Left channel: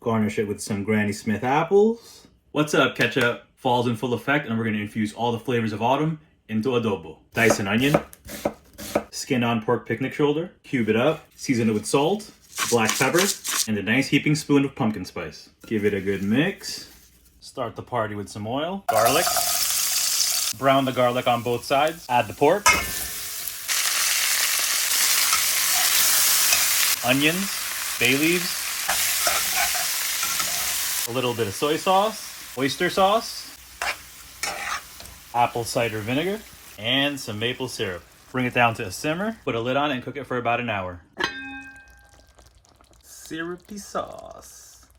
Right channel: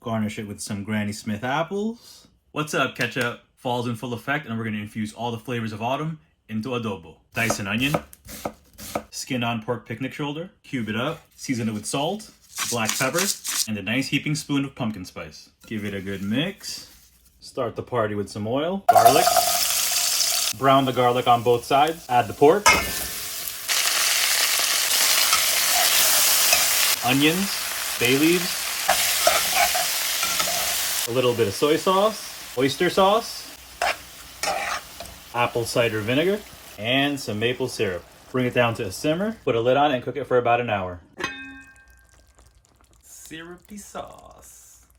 Garnish it with some Granny Smith apples. What's up, ketchup? Fall's in full effect, and we're gonna infuse all the flavors of autumn into adobo. Dice an onion, skin on pork picnic shoulder, cube it up, season it with salt, black pepper, and a nice heaping spoon of pumpkin spice. Give it a good mix. Start the party with some oil, garlic. Brown the garlic on both sides. Add the pork, onions, bay leaves, a little bit of soy sauce, oyster sauce, apple cider vinegar, and some maple syrup. Bring it down to a simmer, put a lid on it, and cook it for about an hour. Syrupy sauce.